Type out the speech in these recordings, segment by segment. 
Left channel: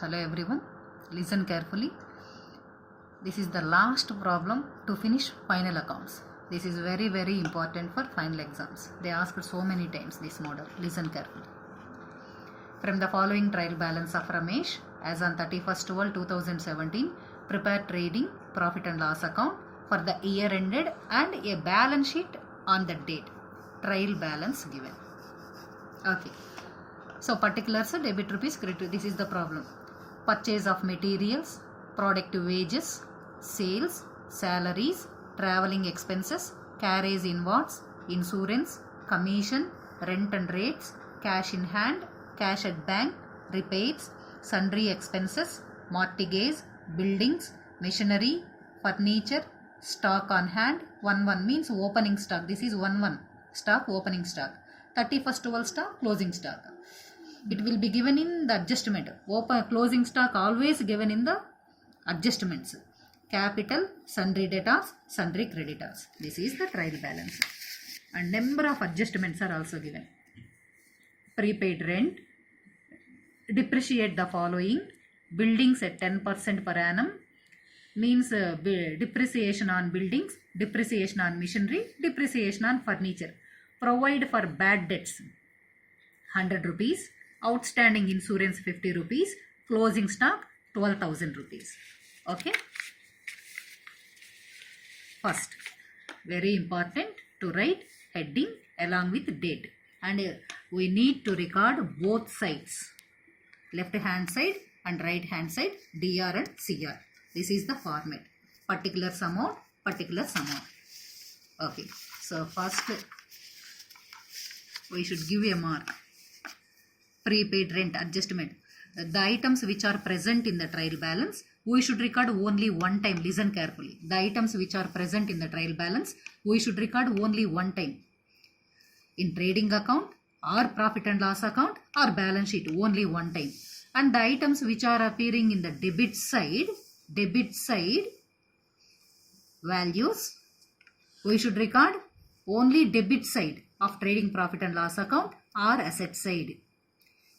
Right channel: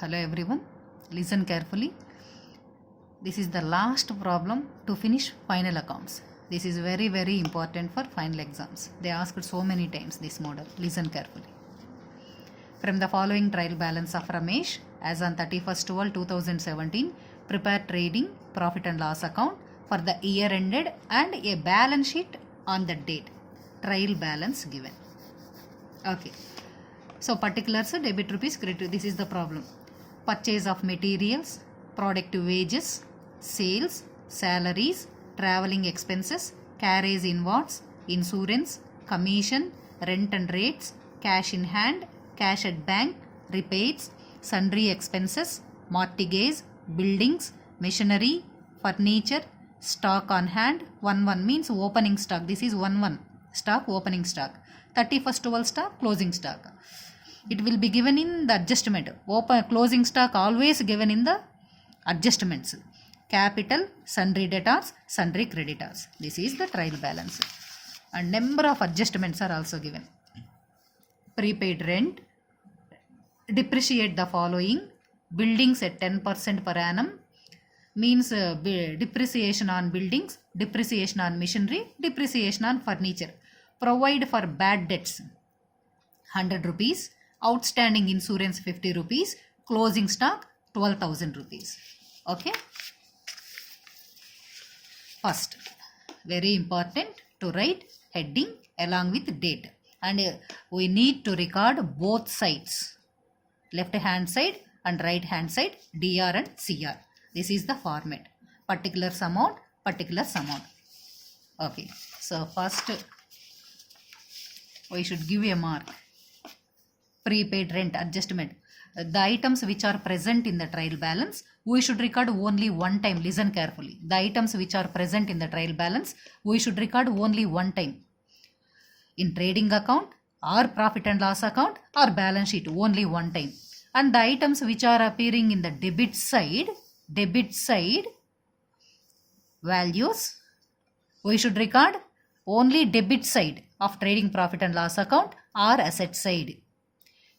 Hello everyone, listen carefully. This is the last problem to finish final accounts. This is very important for final exams. They asked so many times this model. Listen carefully. From the following trial balance of Ramesh as on 31st 12 2017, prepare trading profit and loss account for the year ended and a balance sheet on the date. Trial balance given. Okay. So particulars, debit rupees, credit. This is the problem. Purchase of materials, product wages, sales, salaries, traveling expenses, carriage inwards, insurance, commission, rent and rates, cash in hand, cash at bank, repairs, sundry expenses, mortgage, buildings, machinery, furniture, stock on hand. 1 means opening stock. This is 1 stock, opening stock. 31st 12 stock, closing stock. It will be given in the adjustment. Closing stock always given in the adjustments. Capital, sundry debtors, sundry creditors. This is the trial balance. And number of adjustments are also given. Prepaid rent. Depreciate the following. Buildings at 10% per annum. Means depreciation on buildings, depreciation on machinery, depreciation on furniture. Provide for bad debts 100 rupees. Outstanding insurance 50 rupees, closing stock 12,000 rupees. Okay. First, very important to write heading along with date, and we need to record both sides, left hand side and right hand side, DR and CR. This is the format. Particulars amount. Okay. So first we should give a mark. Prepaid rent adjustment. The items which are present in the trial balance, we should record only one time. Listen carefully. The items which are present in the trial balance, we should record only one time. In trading account or profit and loss account or balance sheet, only one time. And the items which are appearing in the debit side values, we should record only debit side of trading profit and loss account or asset side.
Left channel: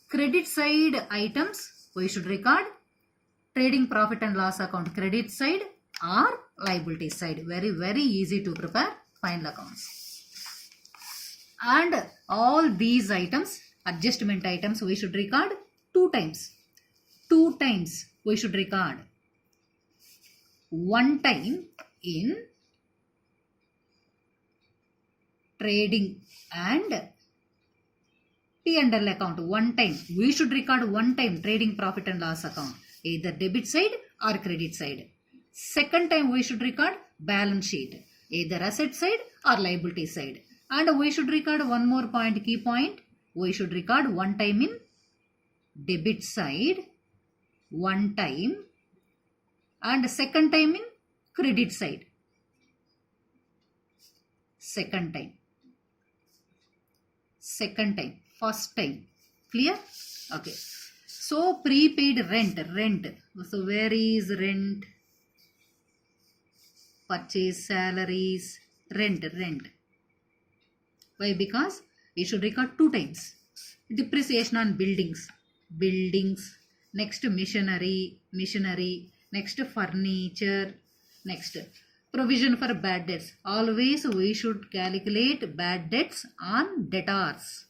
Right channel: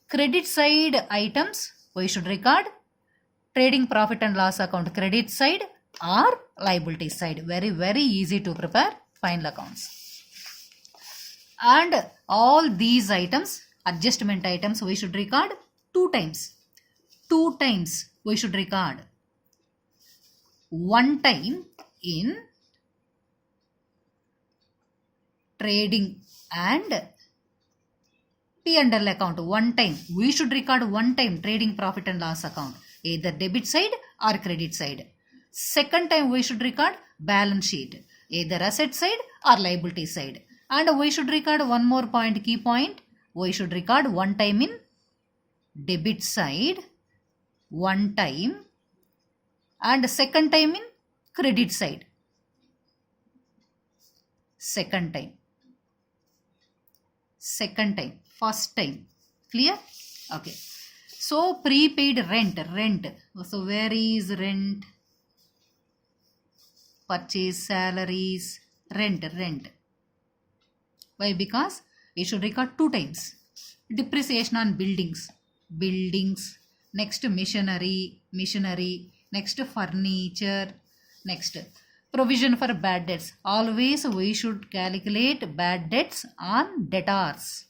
Credit side items, we should record trading profit and loss account credit side or liability side. Very easy to prepare final accounts. And all these items, adjustment items, we should record two times. We should record. One time in trading and P&L account. One time. We should record one time trading profit and loss account. Either debit side or credit side. Second time we should record balance sheet. Either asset side or liability side. And we should record one more point, key point. We should record one time in debit side. One time. And second time in credit side. Second time. First time. Clear? Okay. So prepaid rent. So where is rent? Purchase, salaries, rent. Why? Because we should record two times. Depreciation on buildings. Next machinery. Next furniture. Next provision for bad debts. Always we should calculate bad debts on debtors.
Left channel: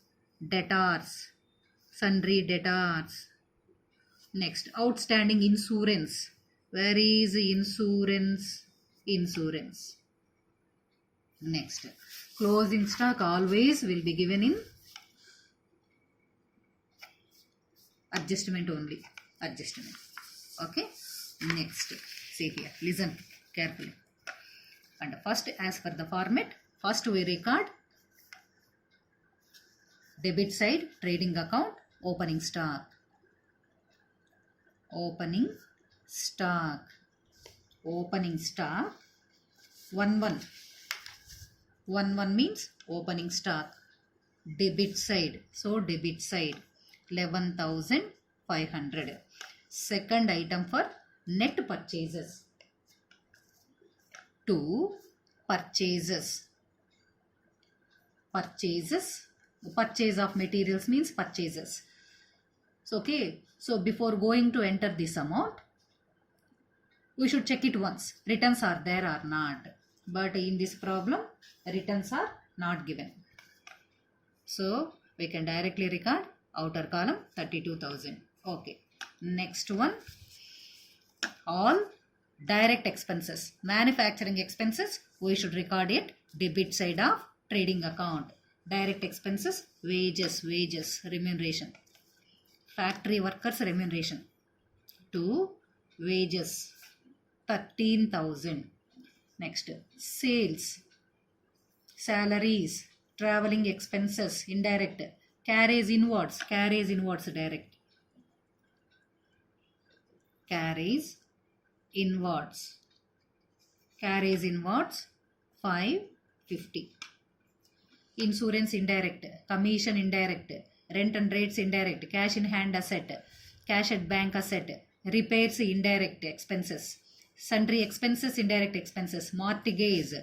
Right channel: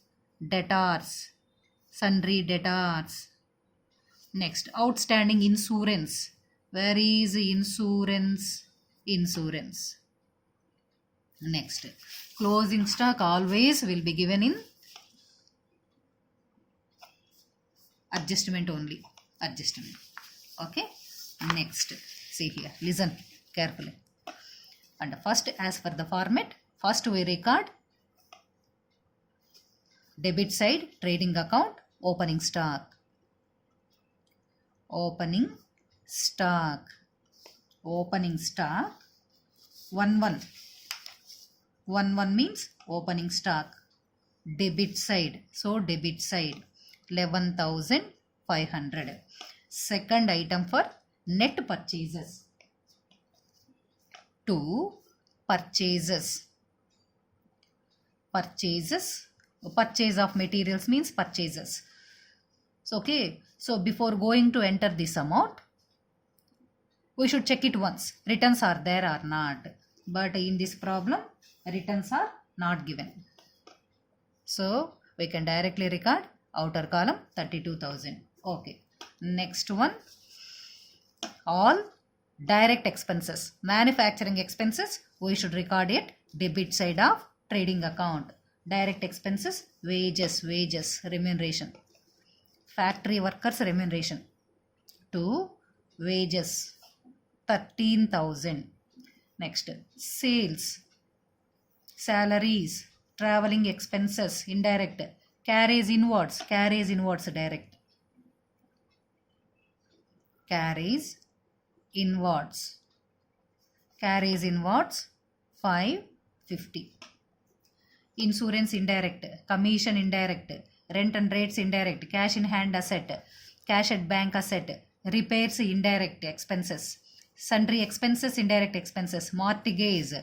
Sundry debtors. Next, outstanding insurance. Where is insurance? Next, closing stock always will be given in adjustment only. Okay. Next, see here. Listen carefully. And first, as per the format, first we record debit side, trading account, opening stock. 1 means opening stock. Debit side. So debit side 11,500. Second item for net purchases. 2 purchases. Purchase of materials means purchases. So, okay. So before going to enter this amount, we should check it once. Returns are there or not. But in this problem, returns are not given. So we can directly record outer column 32,000. Okay. Next one, all direct expenses. Manufacturing expenses, we should record it debit side of trading account. Direct expenses, wages, remuneration. Factory workers remuneration. To wages, 13,000. Next, sales, salaries, traveling expenses, indirect. Carries inwards, direct. Carries inwards, 550. Insurance indirect, commission indirect, rent and rates indirect, cash in hand asset, cash at bank asset, repairs indirect expenses, sundry expenses indirect expenses, mortgage,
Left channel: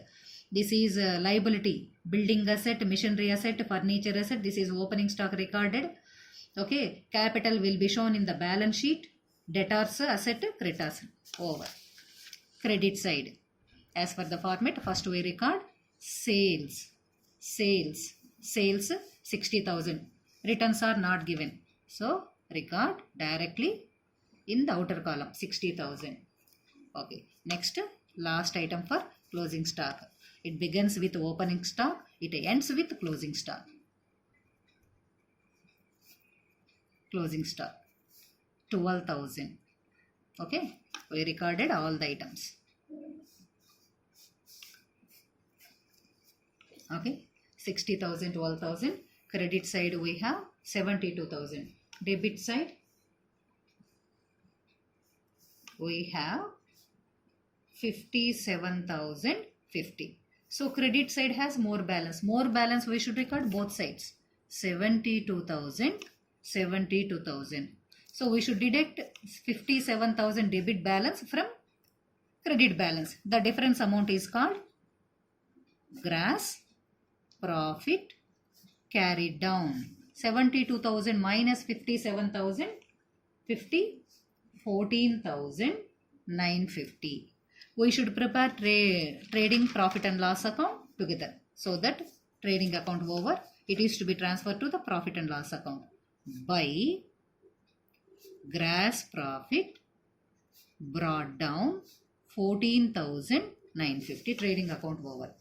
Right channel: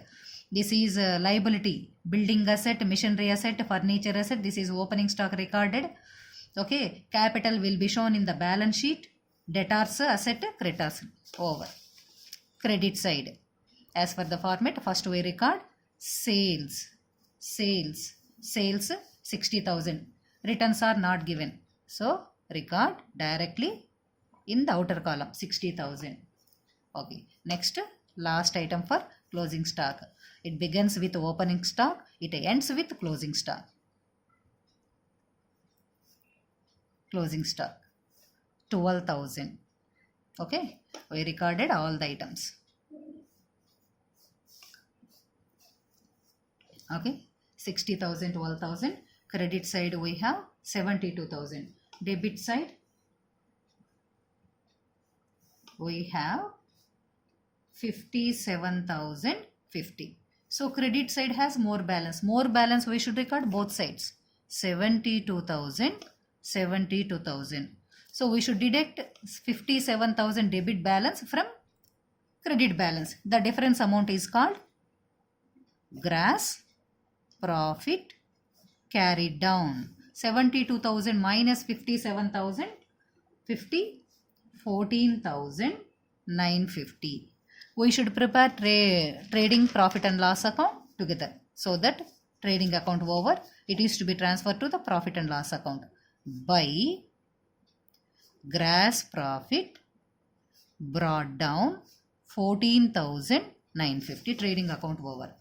this is liability, building asset, machinery asset, furniture asset, this is opening stock recorded. Okay, capital will be shown in the balance sheet, debtors asset, creditors over. Credit side, as per the format, first we record sales 60,000. Returns are not given, so record directly in the outer column 60,000. Okay, next, last item for closing stock. It begins with opening stock, it ends with closing stock. Closing stock 12,000. Okay, we recorded all the items. Okay, 60,000, 12,000. Credit side we have 72,000. Debit side we have 57,050. So credit side has more balance. More balance we should record both sides. 72,000, 72,000. So we should deduct 57,000 debit balance from credit balance. The difference amount is called gross profit carried down. 72,000 minus 57,000, 14,950. We should prepare trading profit and loss account together, so that trading account over, it is to be transferred to the profit and loss account by gross profit brought down 14,950, trading account over.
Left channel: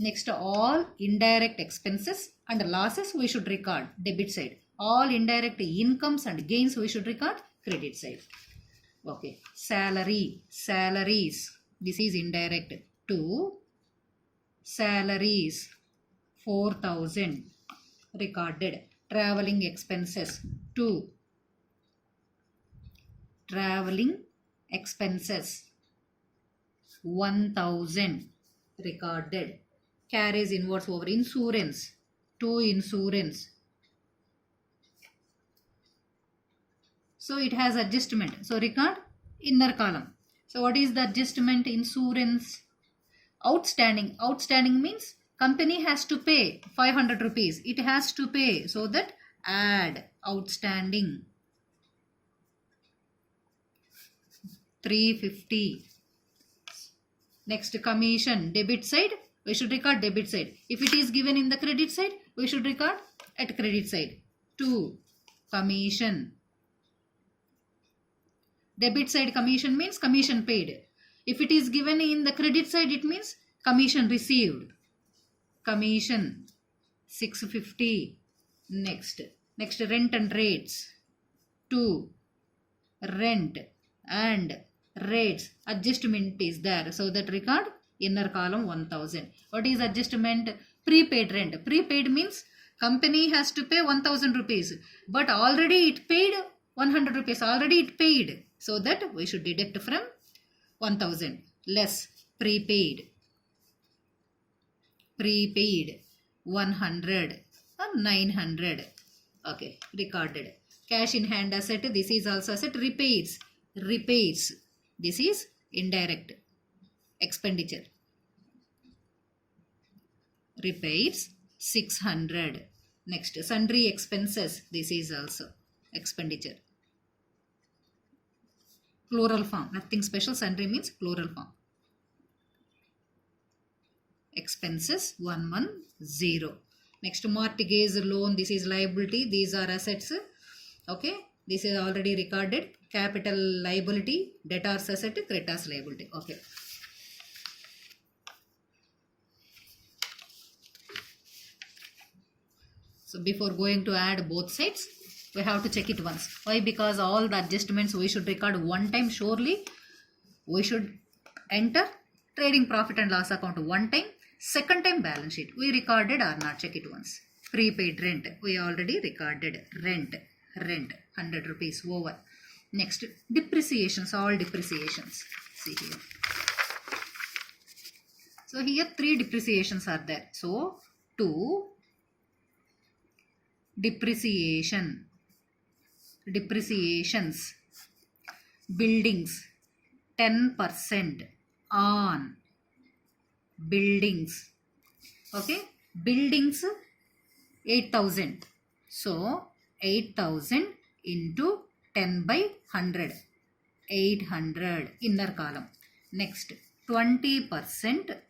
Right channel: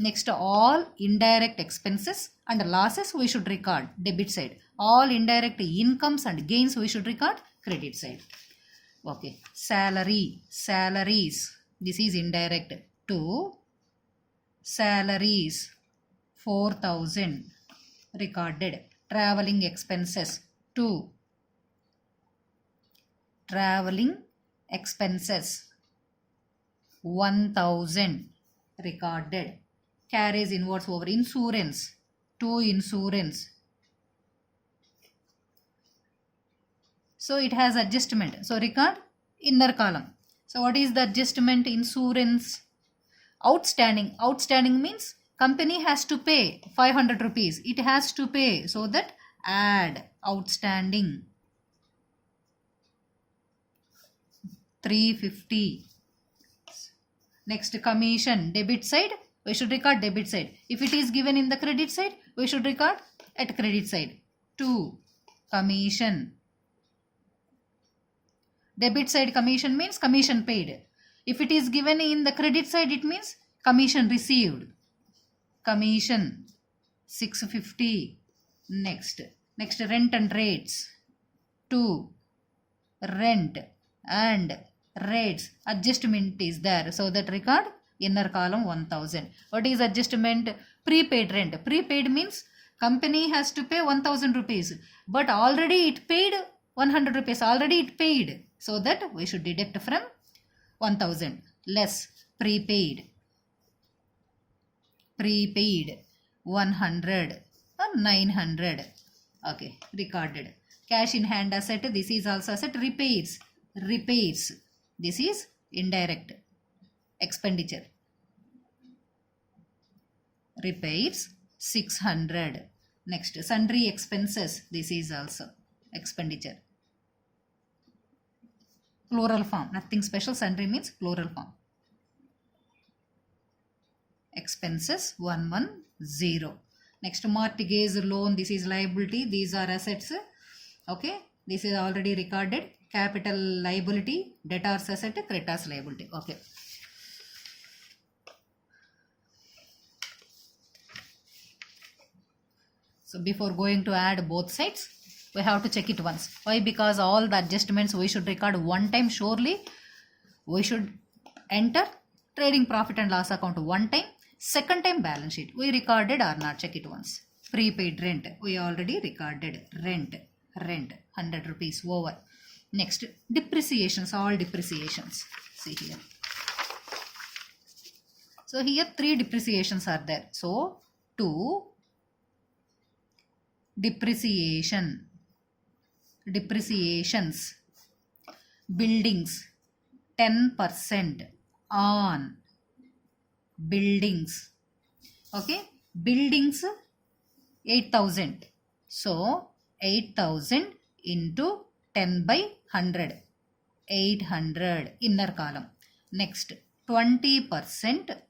Next, all indirect expenses and losses we should record debit side. All indirect incomes and gains we should record credit side. Okay, salaries, this is indirect. To salaries 4,000 recorded. Traveling expenses, to traveling expenses 1,000 recorded. Carries inwards over. Insurance, to insurance. So it has adjustment. So record inner column. So what is the adjustment? Insurance. Outstanding. Outstanding means company has to pay 500 rupees. It has to pay. So that add outstanding 350. Next, commission. Debit side, we should record debit side. If it is given in the credit side, we should record at credit side. 2. Commission. Debit side commission means commission paid. If it is given in the credit side, it means commission received. Commission 650. Next, rent and rates. 2. Rent and rates. Adjustment is there, so that record inner column 1,000. What is adjustment? Prepaid rent. Prepaid means company has to pay 1,000 rupees, but already it paid 100 rupees. Already it paid, so that we should deduct from 1,000 less prepaid. Prepaid 100 or 900. Okay, recorded. Cash in hand asset, this is also asset. Repairs, this is indirect expenditure. Repairs 600. Next, sundry expenses, this is also expenditure. Plural form. Nothing special. Sundry means plural form. Expenses 110. Next, mortgage loan. This is liability. These are assets. Okay. This is already recorded. Capital liability, debtors asset, creditors liability. Okay. So before going to add both sides, we have to check it once. Why? Because all the adjustments we should record one time. Surely we should enter trading profit and loss account one time. Second time balance sheet. We recorded or not? Check it once. Prepaid rent. We already recorded. Rent 100 rupees over. Next, depreciations. All depreciations. See here. So here 3 depreciations are there. So 2 depreciations, buildings 10% on buildings. Okay, buildings 8,000. So 8,000 into 10 by 100, 800 inner column. Next, 20%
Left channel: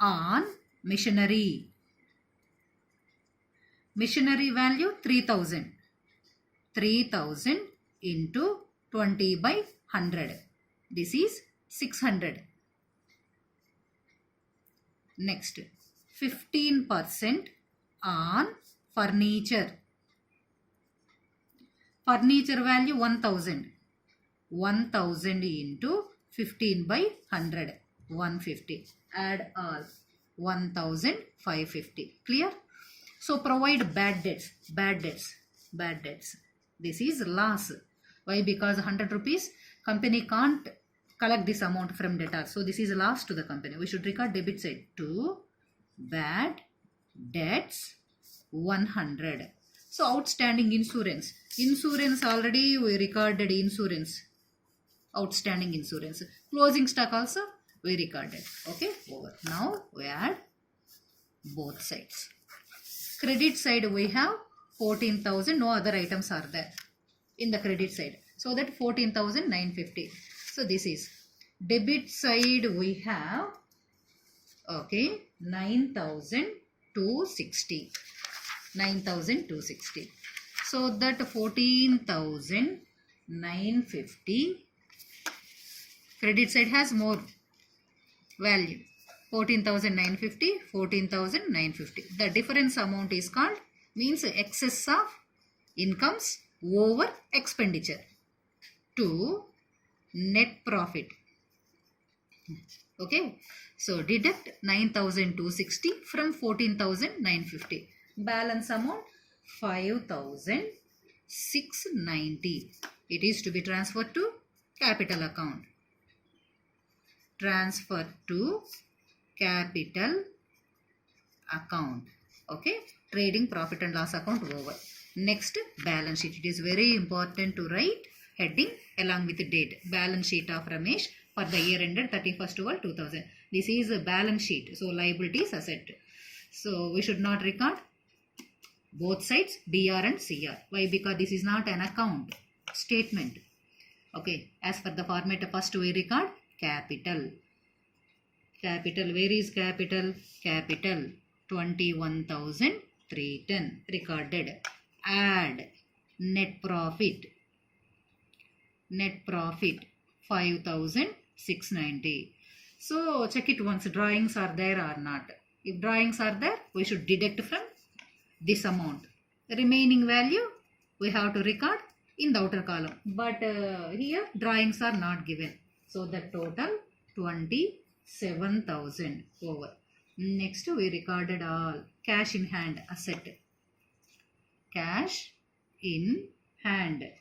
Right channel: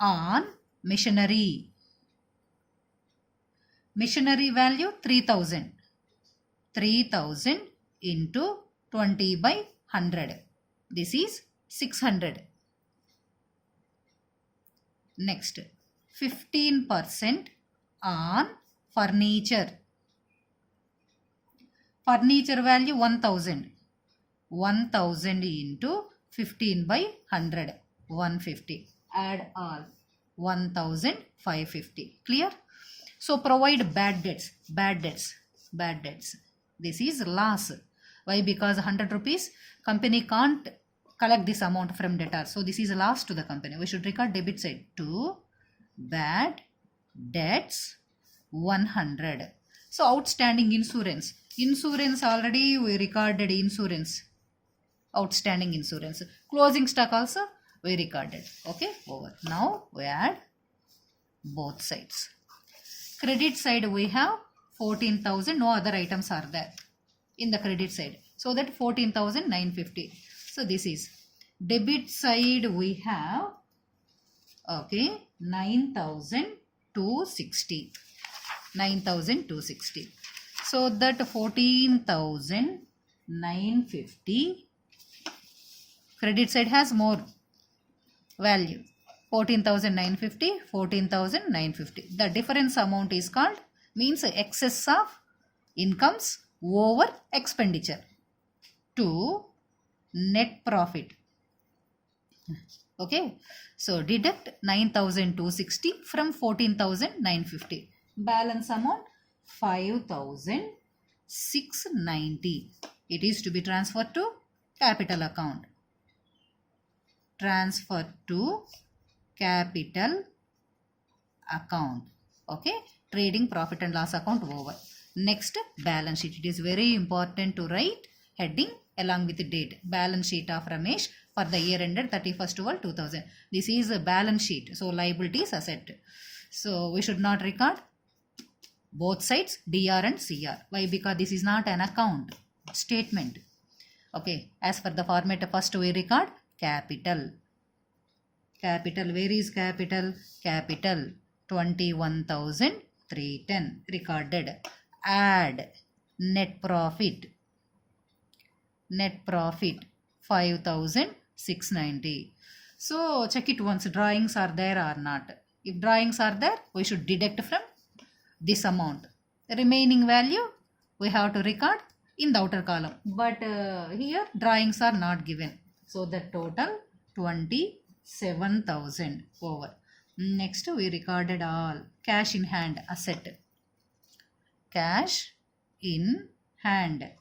on machinery. Machinery value 3,000. 3,000 into 20 by 100. This is 600. Next, 15% on furniture. Furniture value 1,000. 1,000 into 15 by 100. 150. Add all. 1,550. Clear? So provide bad debts. Bad debts. Bad debts. This is loss. Why? Because 100 rupees company can't collect this amount from debtor. So this is a loss to the company. We should record debit side to bad debts 100. So outstanding insurance. Insurance already we recorded insurance. Outstanding insurance. Closing stock also we recorded. Okay, over. Now we add both sides. Credit side we have 14,000. No other items are there in the credit side. So that 14,950. So this is debit side we have, okay, 9,260. 9,260. So that 14,950. Credit side has more value. 14,950, 14,950. The difference amount is called, means excess of incomes over expenditure to net profit. Okay. So deduct 9,260 from 14,950. Balance amount 5,690. It is to be transferred to capital account. Transfer to capital account. Okay, trading profit and loss account over. Next, balance sheet. It is very important to write heading along with the date. Balance sheet of Ramesh for the year ended 31st 12/2000. This is a balance sheet. So liabilities, asset. So we should not record both sides DR and CR. Why? Because this is not an account statement. Okay, as per the format, first we record capital. Capital, where is capital? Capital 21,310 recorded. Add net profit. Net profit 5,690. So check it once, drawings are there or not. If drawings are there, we should deduct from this amount. The remaining value we have to record in the outer column. But here drawings are not given. So the total 27,000 over. Next we recorded all cash in hand asset. Cash in hand.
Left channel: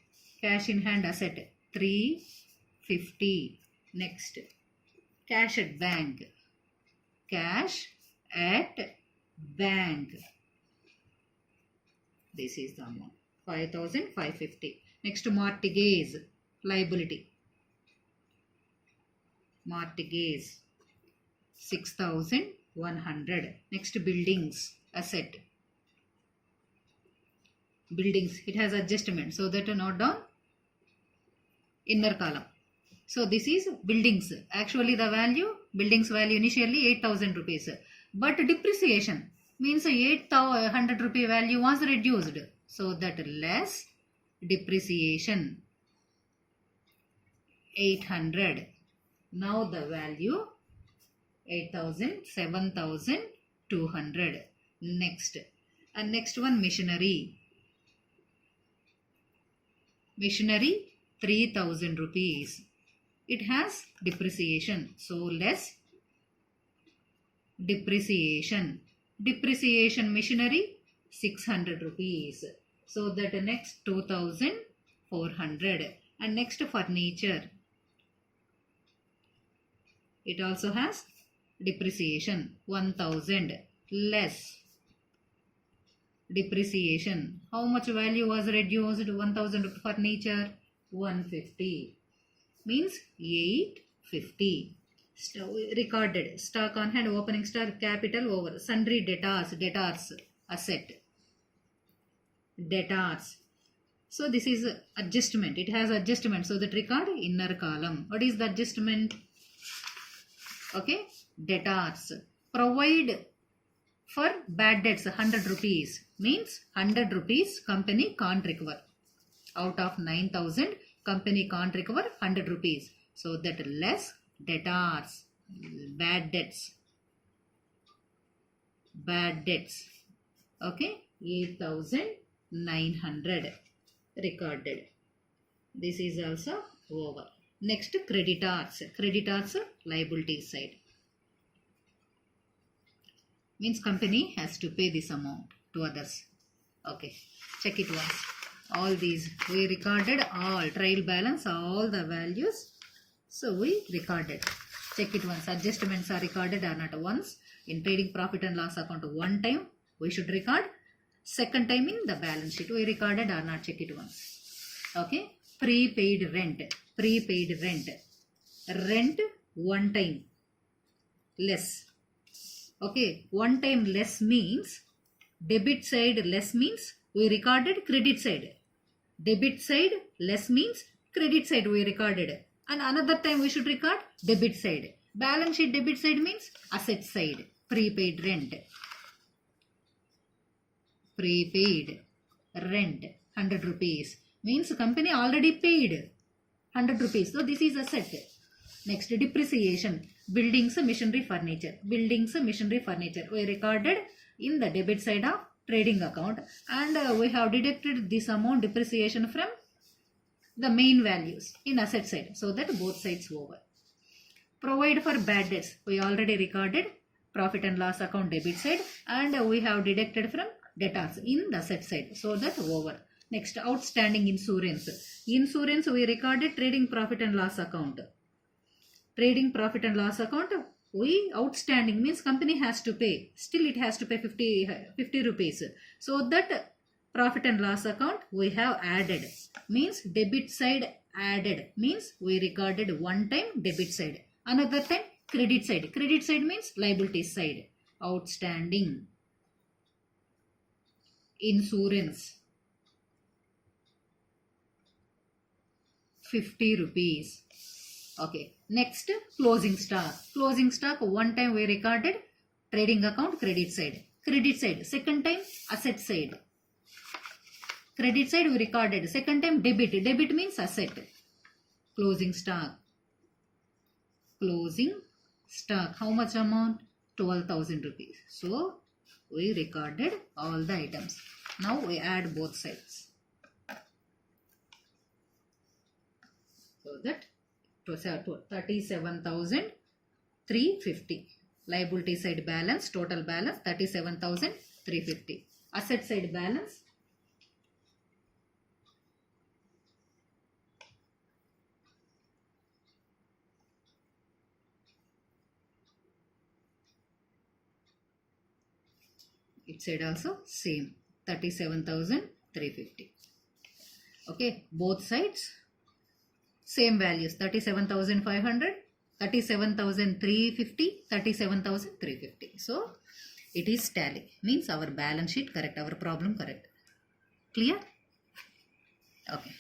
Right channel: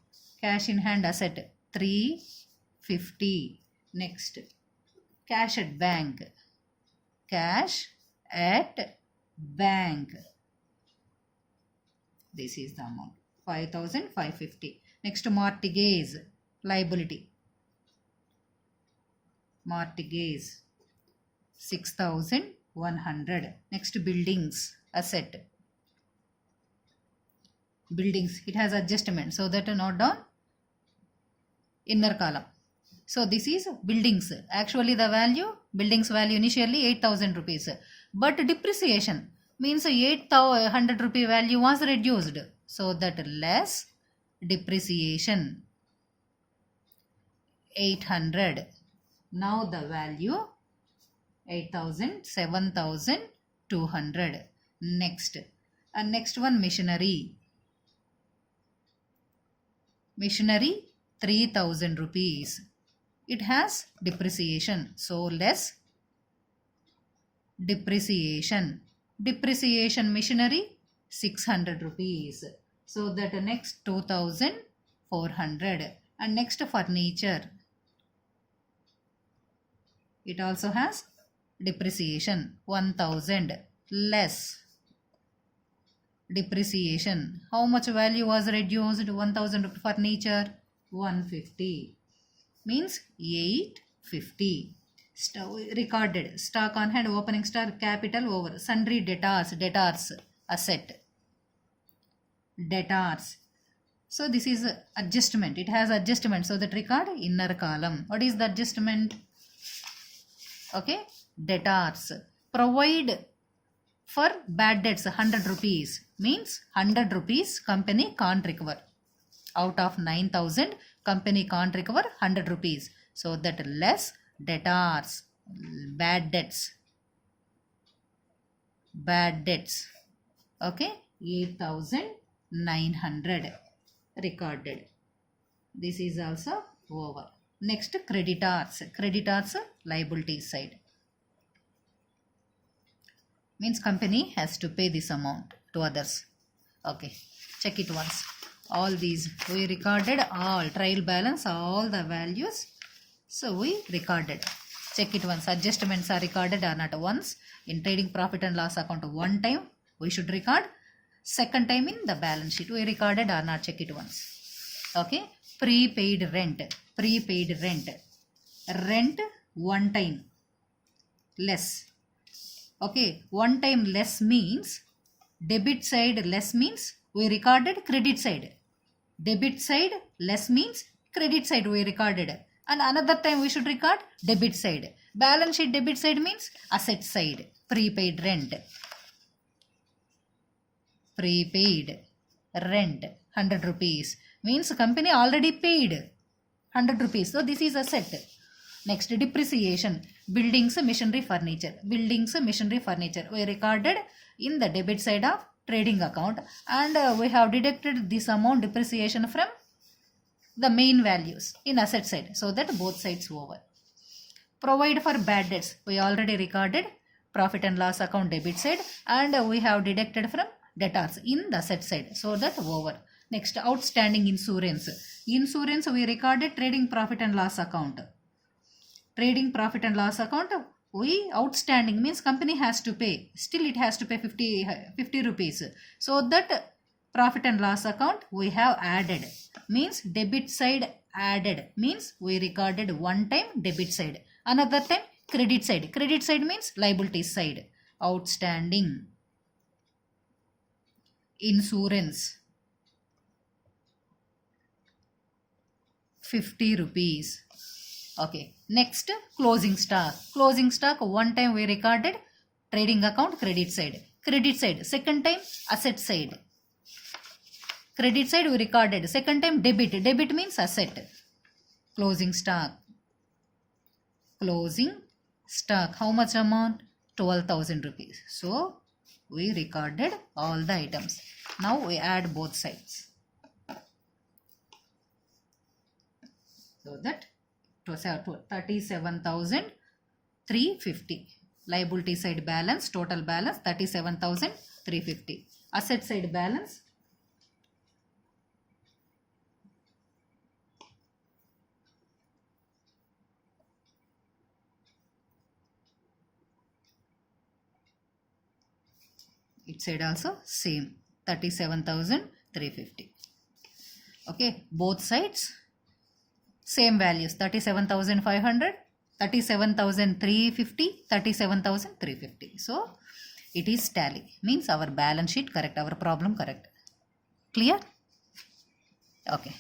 Cash in hand asset 350. Next, cash at bank. Cash at bank. This is the amount 5,550. Next, mortgage liability. Mortgage 6,100. Next, buildings asset. Buildings, it has adjustment, so that note down inner column. So this is buildings. Actually the value, buildings value initially 8,000 rupees. But depreciation means 800 rupee value was reduced. So that less depreciation 800. Now the value 8,000, 7,200. Next. And next one machinery. Machinery 3,000 rupees. It has depreciation. So less depreciation. Depreciation machinery 600 rupees. So that next 2,400. And next furniture. It also has depreciation 1,000 less depreciation. How much value was reduced? 1,000 furniture 150 means 850. Recorded stock on hand, opening stock, capital over sundry debtors asset debtors. So this is adjustment. It has adjustment. So that record inner column. What is the adjustment? Okay, debtors. Provide for bad debts 100 rupees means 100 rupees company can't recover. Out of 9,000 company can't recover 100 rupees. So that less debtors, bad debts. Okay, 8,900 recorded. This is also over. Next creditors liability side. Means company has to pay this amount to others. Okay, check it once. All these we recorded, all trial balance, all the values. So we recorded. Check it once. Adjustments are recorded or not. Once in trading profit and loss account one time we should record. Second time in the balance sheet we recorded or not. Check it once. Okay. Prepaid rent. Rent one time less. Okay, one time less means debit side less means we recorded credit side. Debit side less means credit side we recorded. And another time we should record debit side. Balance sheet debit side means asset side. Prepaid rent. Prepaid rent 100 rupees means company already paid 100 rupees. So this is asset. Next depreciation. Buildings, machinery, furniture. Buildings, machinery, furniture. We recorded in the debit side of trading account and we have deducted this amount depreciation from the main values in asset side. So that both sides over. Provide for bad debts. We already recorded profit and loss account debit side and we have deducted from debtors in the asset side. So that over. Next outstanding insurance. Insurance we recorded trading profit and loss account. Trading profit and loss account we outstanding means company has to pay. Still it has to pay 50 rupees. So that profit and loss account we have added. Means debit side added. Means we recorded one time debit side. Another time credit side. Credit side means liability side. Outstanding insurance 50 rupees. Okay. Next closing stock. Closing stock one time we recorded trading account credit side. Credit side second time asset side. Credit side we recorded second time debit. Debit means asset. Closing stock. Closing stock. How much amount? 12,000 rupees. So we recorded all the items. Now we add both sides. So that 37,350. Liability side balance, total balance 37,350. Asset side balance it said also same 37,350. Okay, both sides same values 37,500, 37,350, 37,350. So it is tally means our balance sheet correct, our problem correct. Clear? Okay.